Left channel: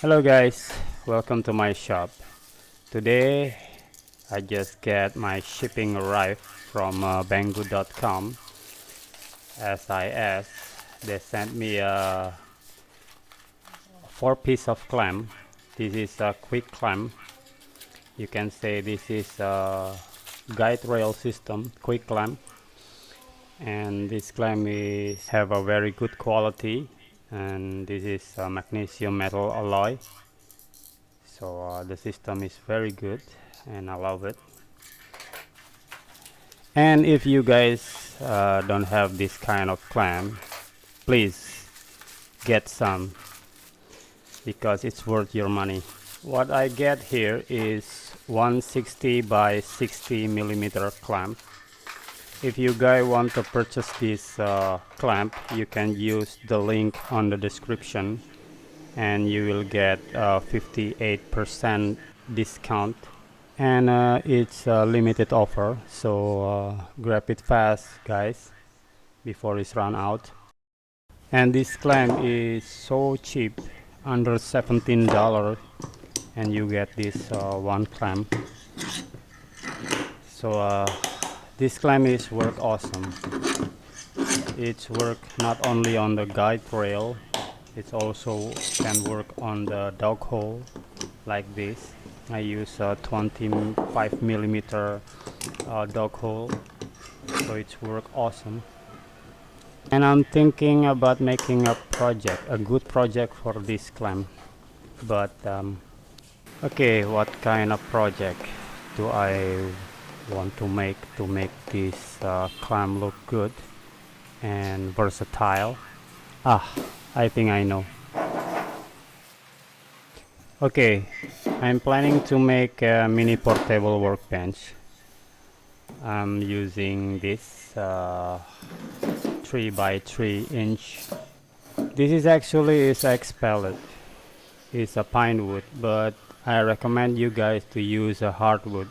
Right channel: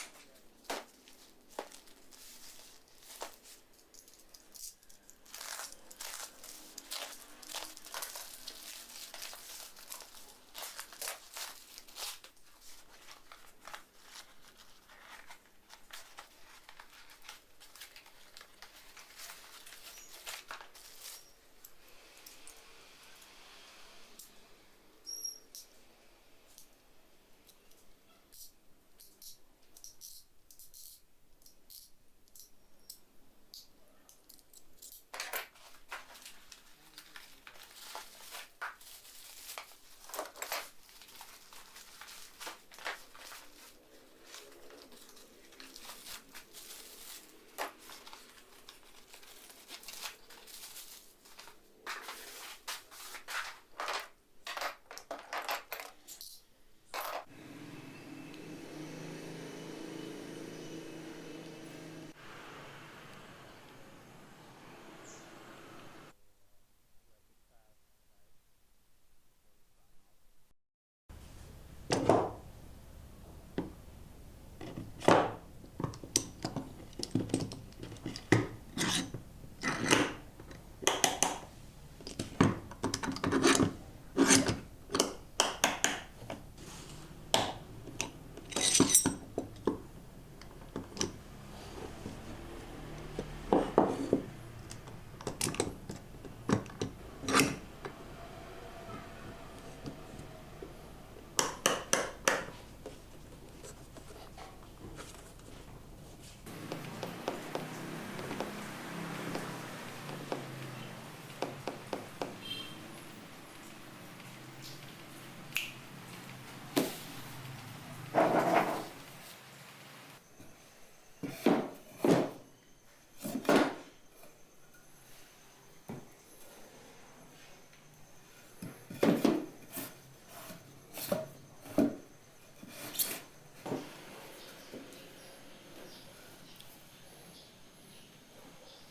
Hello guys, welcome to my shop. Today I just get my shipping arrived from banggood.com. As I asked, they sent me a 4-piece of clamp. This is a quick clamp. You can say this is a guide rail system quick clamp, and this clamp is have a very good quality, and this is a magnesium metal alloy. So the system is very good and I love it. And if you guys don't have this kind of clamp, please get some because it's worth your money. What I get here is 160 by 60 millimeter clamp. If you guys want to purchase this clamp, you can use the link on the description and you will get 58% discount, and it's a limited offer, so grab it fast guys before it's run out. And this clamp is so cheap, under $17, and you get this one clamp. So this clamp is work awesome. It's work not only on the guide rail, it also can work on the dog hole like this. I use a 25 millimeter dog hole, so it's work awesome. And I'm thinking about making a project, a good project for this clamp. But okay, what kind of project do I want to make this clamp look good and versatile? I think I know. Okay, I'm planning to make a mini portable workbench. I'm using this 3 by 3 inch. This is actually X pallet. It's a pine wood, but I recommend you guys to use a hardwood,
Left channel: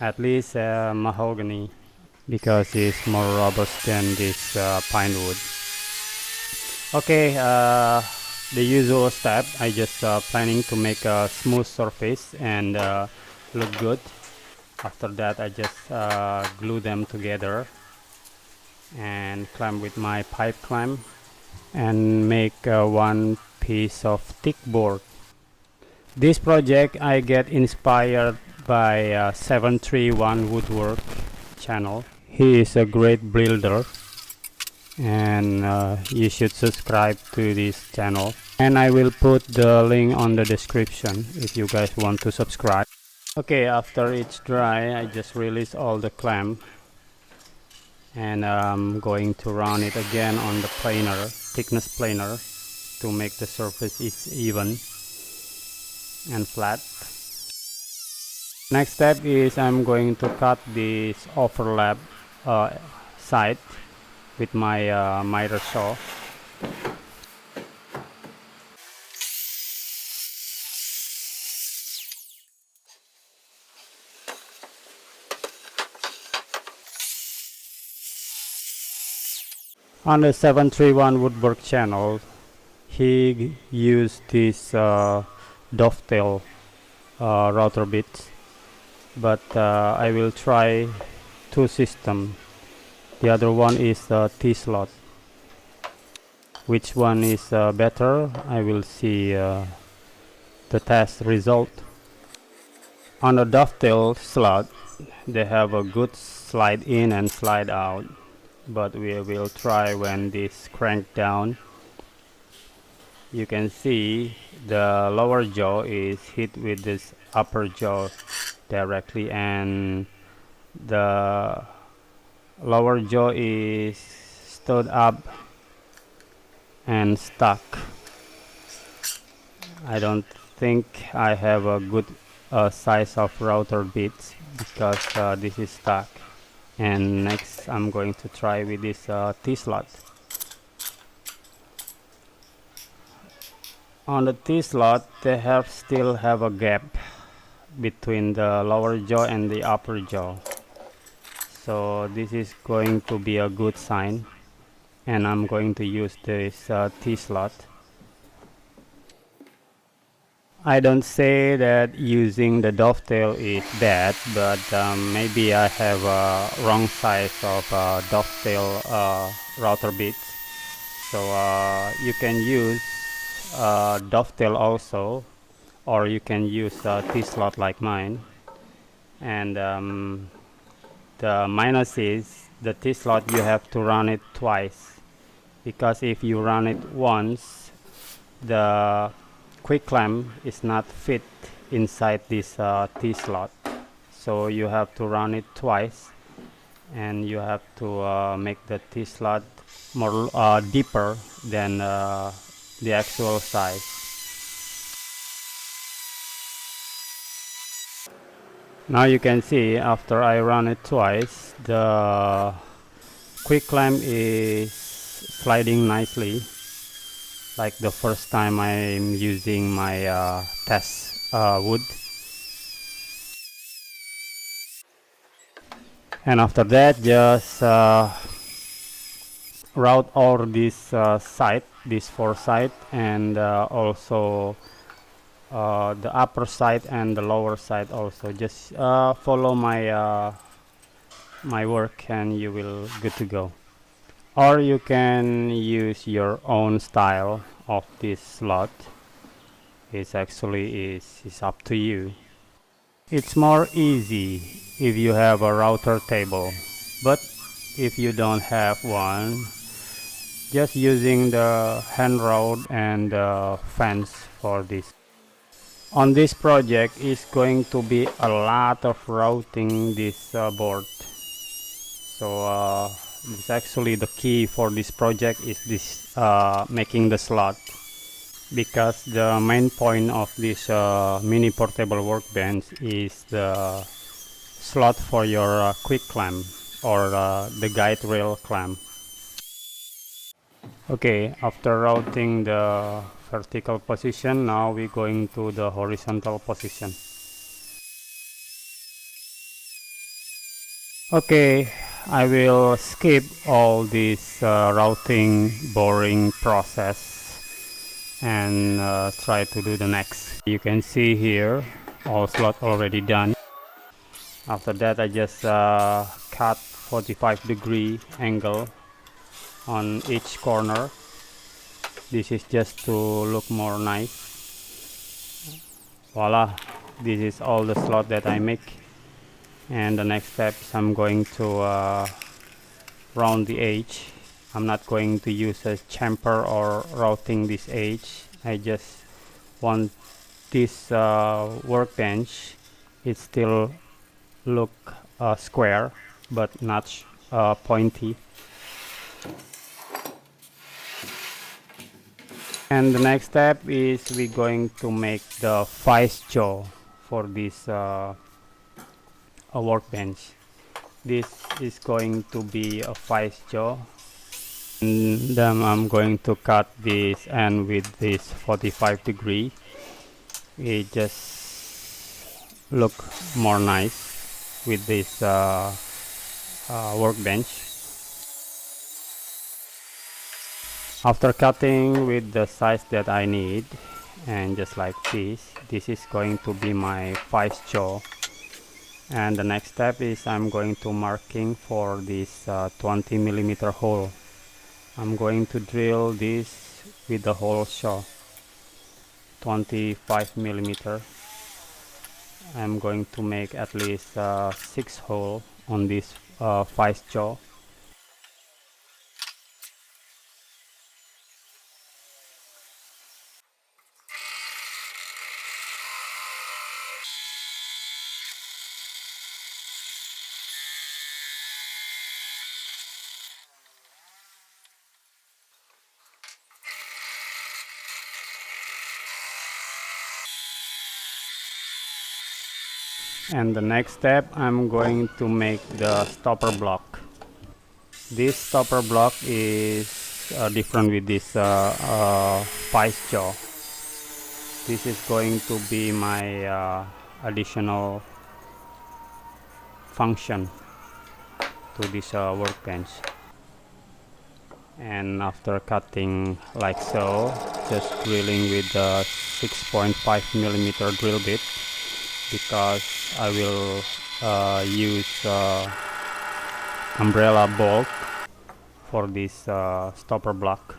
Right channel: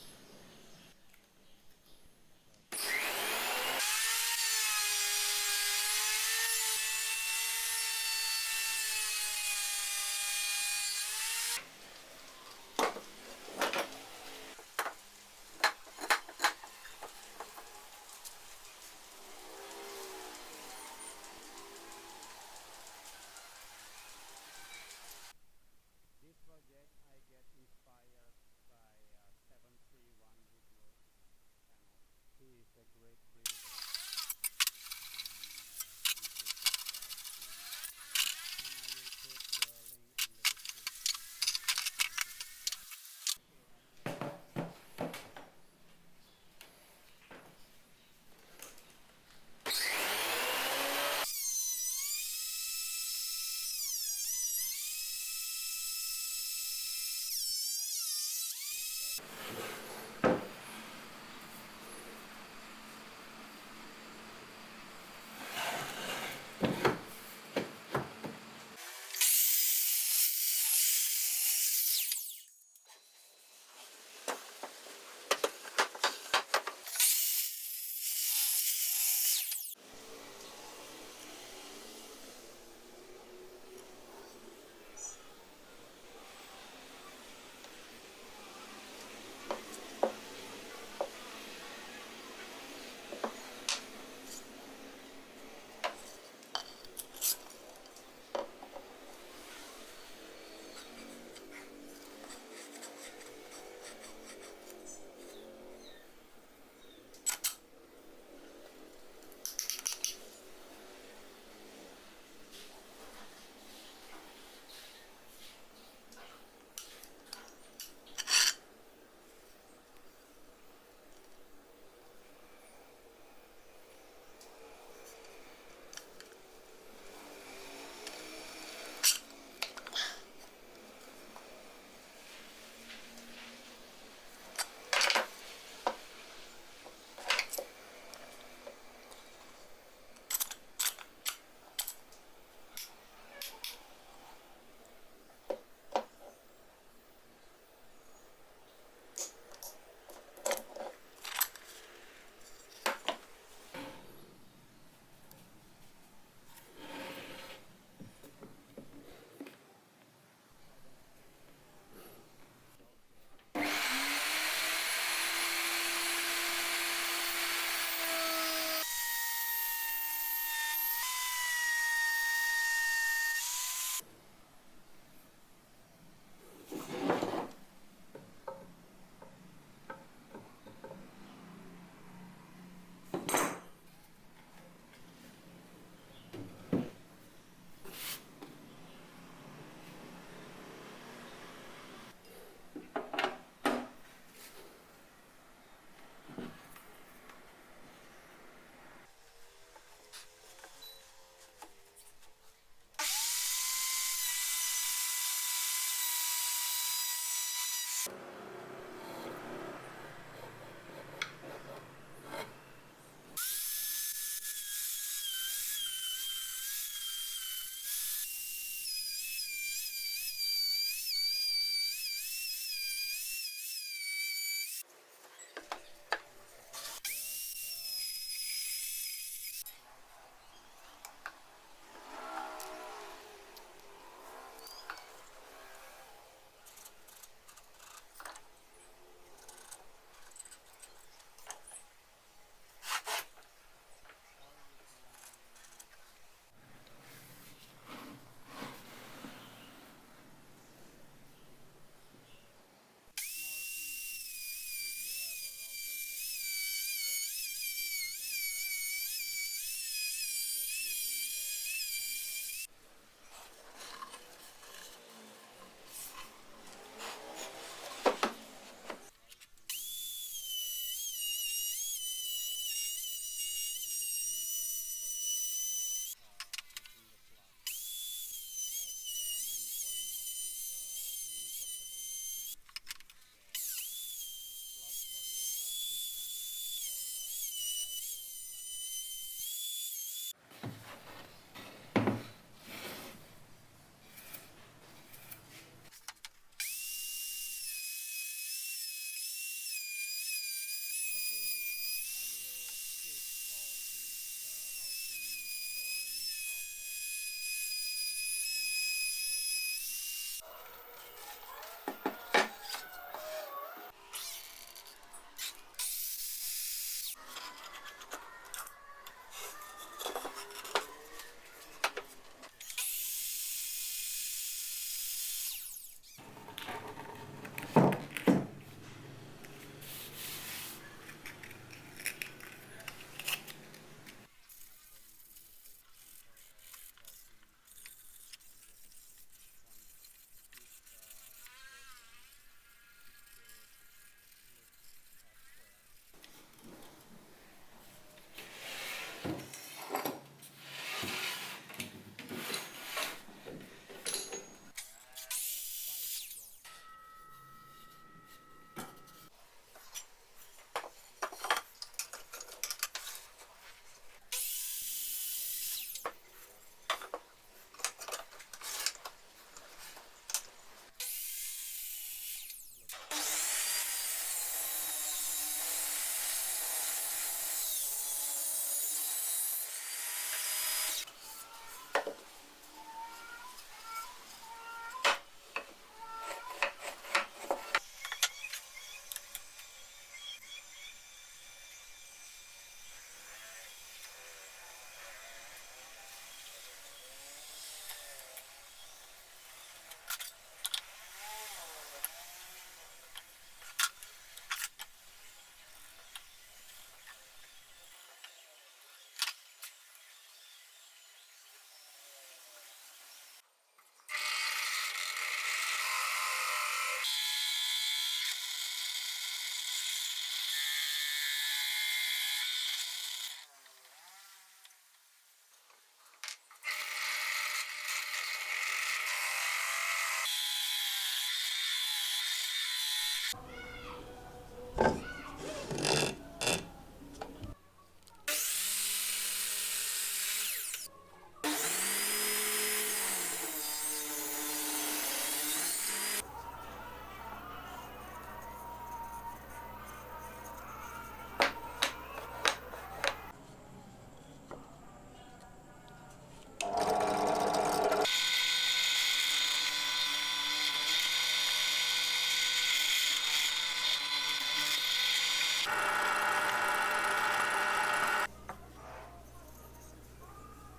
at least mahogany, because it's more robust than this pine wood. Okay, the usual step, I just planning to make a smooth surface and look good. After that I just glue them together and clamp with my pipe clamp and make one piece of thick board. This project I get inspired by 731 Woodwork channel. He is a great builder, and you should subscribe to this channel, and I will put the link on the description if you guys want to subscribe. Okay, after it's dry I just release all the clamp, and I'm going to run it again on the planer, thickness planer, to make the surface even and flat. Next step is I'm going to cut this overlap side with my miter saw. On the 731 Woodwork channel, he used this dovetail router bits, but I will try two systems. The other one is T-slot. Which one is better? I will see the test result. On the dovetail slot, they have a good slide in and slide out, but we will try when this crank down. You can see the lower jaw is hit with this upper jaw directly, and the lower jaw is stood up and stuck. I don't think I have a good size of router bits because this is stuck. And next I'm going to try with this T-slot. On the T-slot they still have a gap between the lower jaw and the upper jaw, so this is going to be a good sign, and I'm going to use this T-slot. I don't say that using the dovetail is bad, but maybe I have a wrong size of dovetail router bits. So you can use dovetail also, or you can use a T-slot like mine. And the minus is the T-slot you have to run it twice, because if you run it once, the quick clamp is not fit inside this T-slot, so you have to run it twice, and you have to make the T-slot more deeper than the actual size. Now you can see after I run it twice, the quick clamp is sliding nicely, like the first time I'm using my test wood. And after that, just route all this side, these four sides, and also the upper side and the lower side also. Just follow my my work and you will good to go. Or you can use your own style of this slot. It's actually is up to you. It's more easy if you have a router table, but if you don't have one, just using the hand rod and the fence for this. On this project is going to be a lot of routing this board. So it's actually the key for this project is this making the slot, because the main point of this mini portable workbench is the slot for your quick clamp or the guide rail clamp. Okay, after routing the vertical position, now we're going to the horizontal position. Okay, I will skip all this routing boring process and try to do the next. You can see here all slot already done. After that I just cut 45-degree angle on each corner. This is just to look more nice. Voila, this is all the slot that I make. And the next step, I'm going to round the edge. I'm not going to use a chamfer or routing this edge. I just want this workbench, it still look square but not pointy. And the next step is we're going to make the vice jaw for this a workbench. This is going to be a vice jaw, and then I'm going to cut this end with this 45-degree. It just look more nice with this workbench. After cutting with the size that I need, and just like this is going to be my vice jaw. And the next step is I'm going to marking for this 20mm hole. I'm going to drill this with the hole saw, 25mm. I'm going to make at least 6 holes on this vice jaw. And the next step, I'm going to make the stopper block. This stopper block is different with this vice jaw. This is going to be my additional function to this workbench. And after cutting like so, just drilling with the 6.5 millimeter drill bit, because I will use umbrella bolt for this stopper block.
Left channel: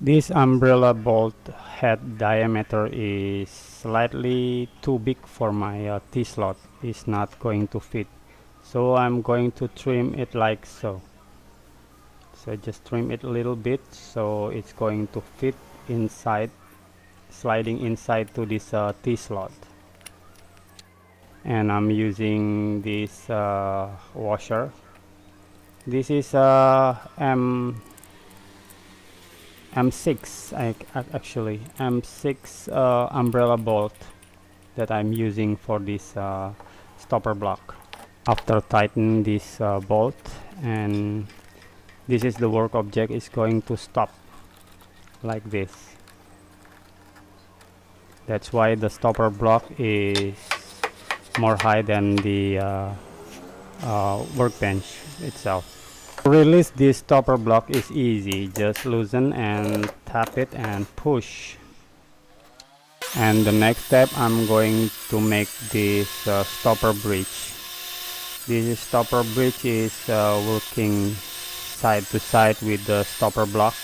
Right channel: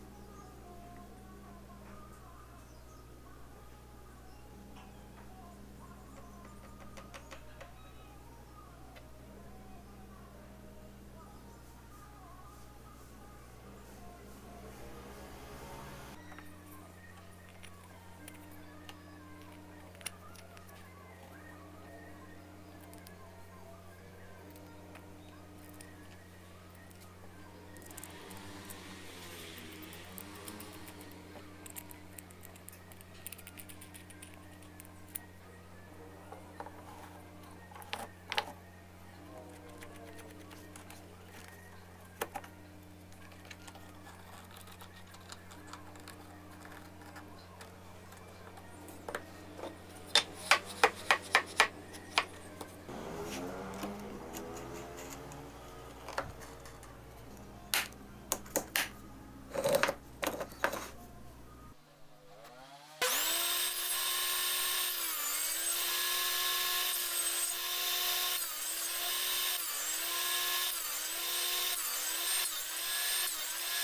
This umbrella bolt head diameter is slightly too big for my T-slot. It's not going to fit, so I'm going to trim it like so. So just trim it a little bit so it's going to fit inside, sliding inside to this T-slot. And I'm using this washer. This is M6, actually M6 umbrella bolt that I'm using for this stopper block. After tightening this bolt, and this is the work object, is going to stop like this. That's why the stopper block is more high than the workbench itself. To release this stopper block is easy. Just loosen and tap it and push. And the next step, I'm going to make this stopper bridge. This stopper bridge is working side to side with the stopper block.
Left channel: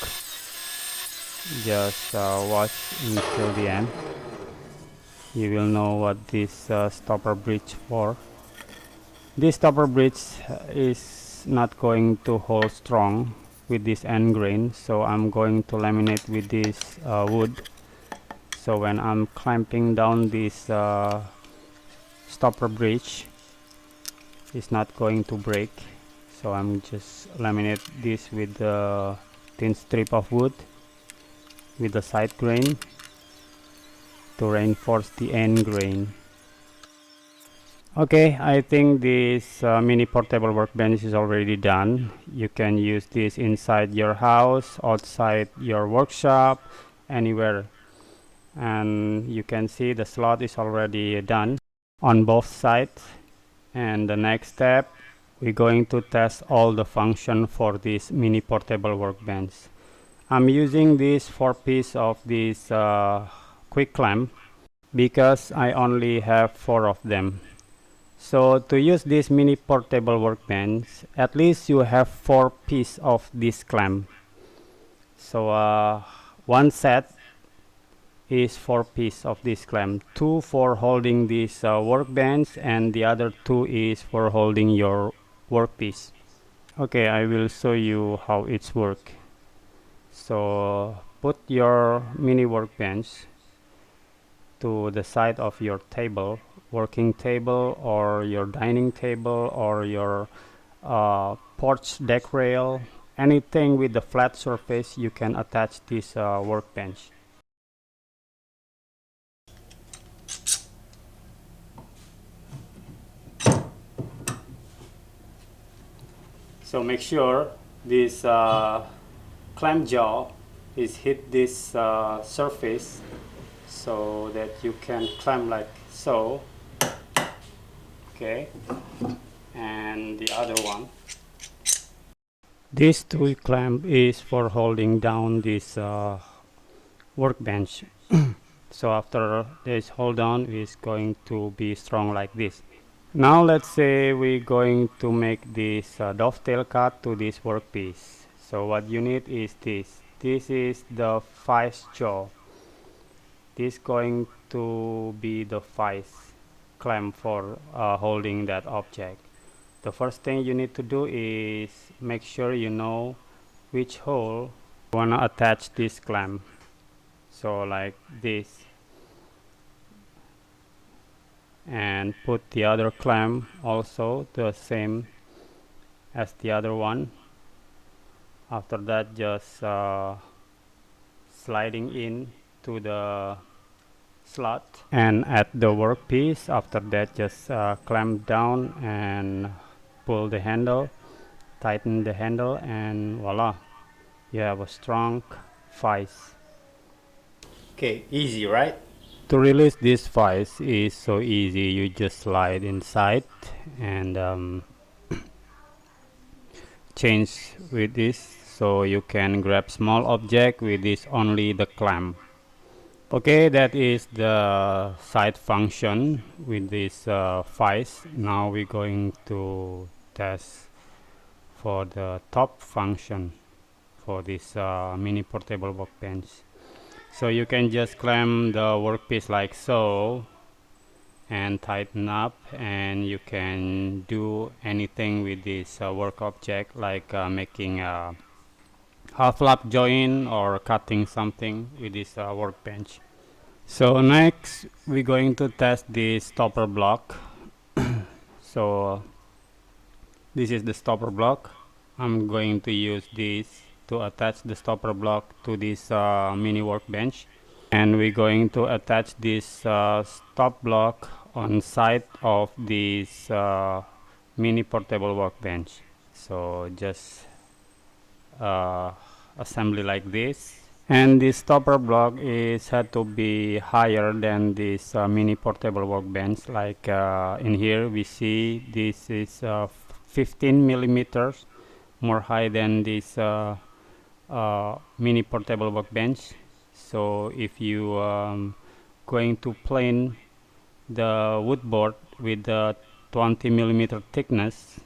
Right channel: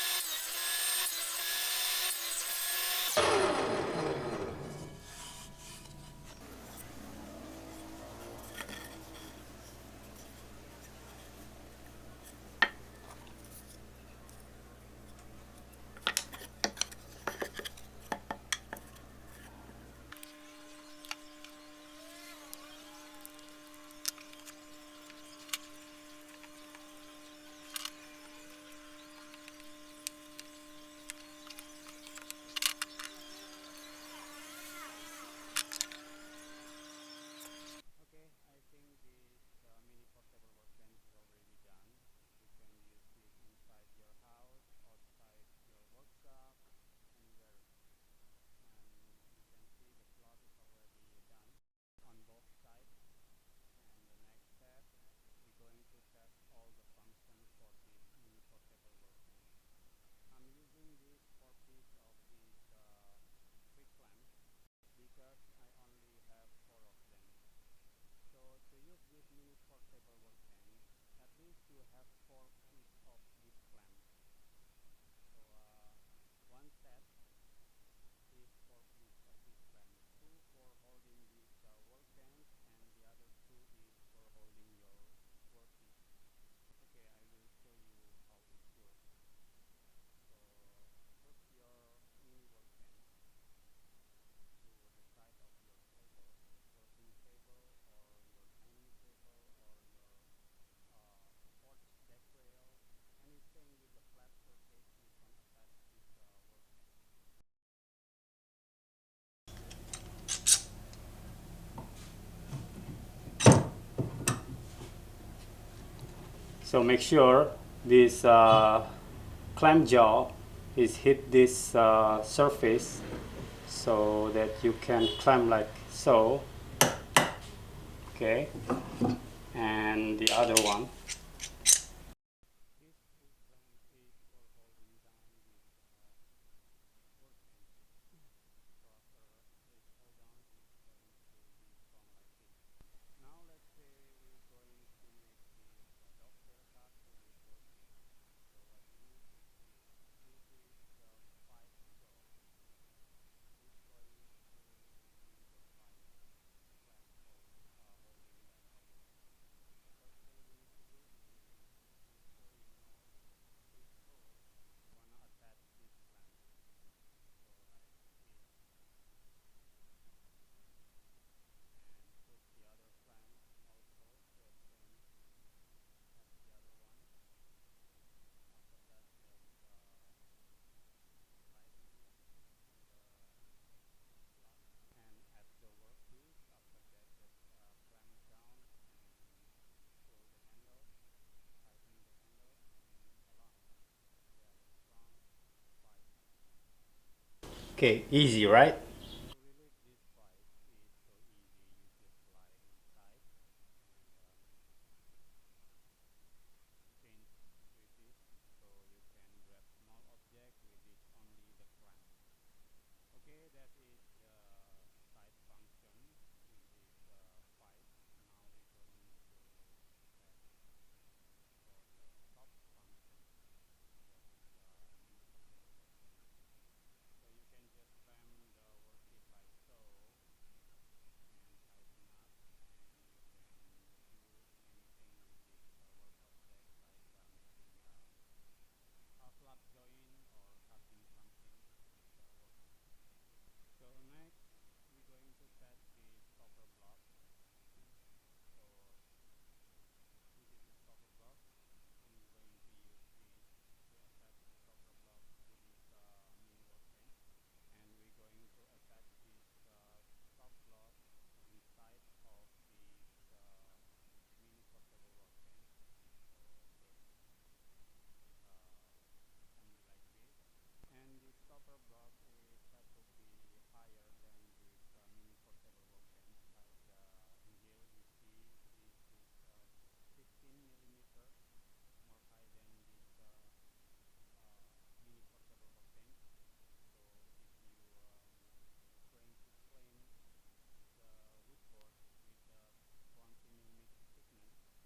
Just watch until the end. You will know what this stopper bridge for. This stopper bridge is not going to hold strong with this end grain, so I'm going to laminate with this wood. So when I'm clamping down this stopper bridge, it's not going to break. So I'm just laminate this with the thin strip of wood with the side grain to reinforce the end grain. Okay, I think this mini portable workbench is already done. You can use this inside your house, outside your workshop, anywhere. And you can see the slot is already done on both sides. And the next step, we're going to test all the function for this mini portable workbench. I'm using this 4-piece of this quick clamp because I only have 4 of them. So to use this mini portable workbench, at least you have 4 pieces of this clamp. So one set is 4 pieces of this clamp, 2 for holding this workbench, and the other 2 is for holding your workpiece. Okay, I will show you how it's work. So put your mini workbench to the side of your table, working table, or your dining table, or your porch deck rail, anything with the flat surface. You can attach this workbench. So make sure this clamp jaw is hit this surface so that you can clamp like so. Okay, and the other one, this tool clamp is for holding down this workbench. So after this hold down is going to be strong like this. Now let's say we're going to make this dovetail cut to this workpiece. So what you need is this. This is the vice jaw. This is going to be the vice clamp for holding that object. The first thing you need to do is make sure you know which hole you want to attach this clamp. So like this. And put the other clamp also the same as the other one. After that, just sliding in to the slot and at the workpiece. After that, just clamp down and pull the handle, tighten the handle, and voila, you have a strong vice. Okay, easy, right? To release this vice is so easy. You just slide inside and change with this. so you can grab small object with this only the clamp. Okay, that is the side function with this vise. Now we're going to test for the top function for this mini portable workbench. So you can just clamp the workpiece like so and tighten up, and you can do anything with this work object, like making a half lap joint or cutting something with this workbench. So next we're going to test the stopper block. So this is the stopper block. I'm going to use this to attach the stopper block to this mini workbench, and we're going to attach this stop block on side of this mini portable workbench. So just assembly like this, and this stopper block is had to be higher than this mini portable workbench. Like in here we see this is 15 millimeters more high than this mini portable workbench. So if you going to plane the wood board with the 20 millimeter thickness,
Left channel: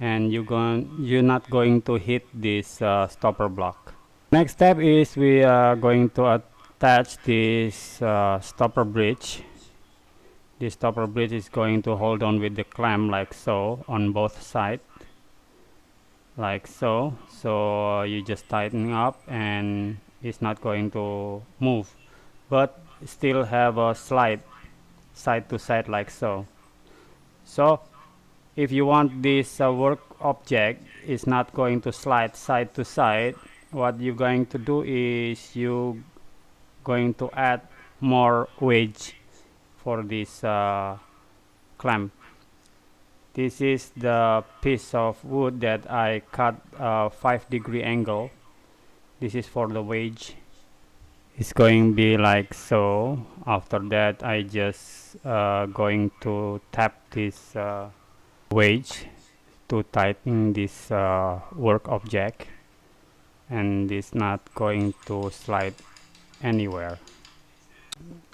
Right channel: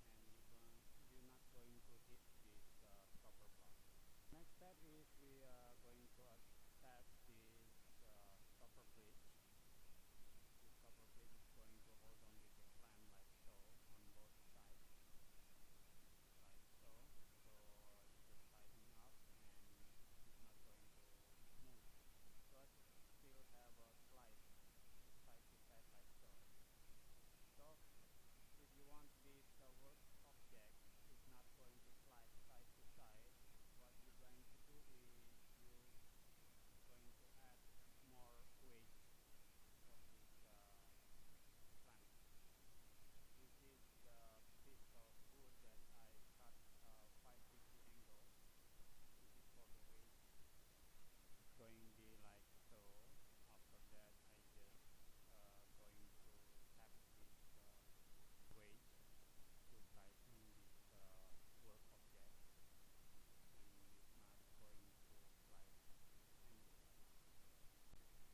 and you're not going to hit this stopper block. Next step is we are going to attach this stopper bridge. This stopper bridge is going to hold on with the clamp like so on both sides, like so. So you just tighten up and it's not going to move, but still have a slide side to side like so. So if you want this work object is not going to slide side to side, what you're going to do is you going to add more wedge for this clamp. This is the piece of wood that I cut 5-degree angle. This is for the wedge. It's going to be like so. After that I just going to tap this wedge to tighten this work object, and it's not going to slide anywhere.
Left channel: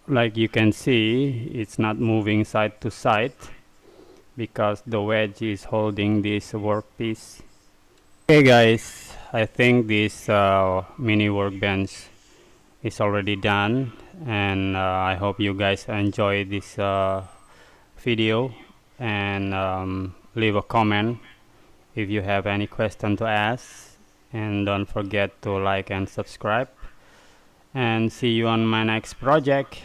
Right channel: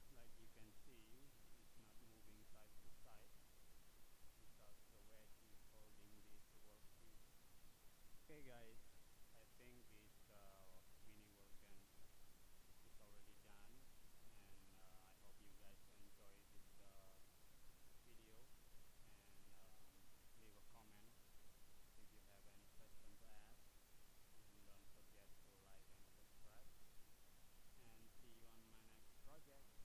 Like you can see, it's not moving side to side because the wedge is holding this workpiece. Okay guys, I think this mini workbench is already done, and I hope you guys enjoy this video, and leave a comment if you have any question to ask, and don't forget to like and subscribe, and see you on my next project.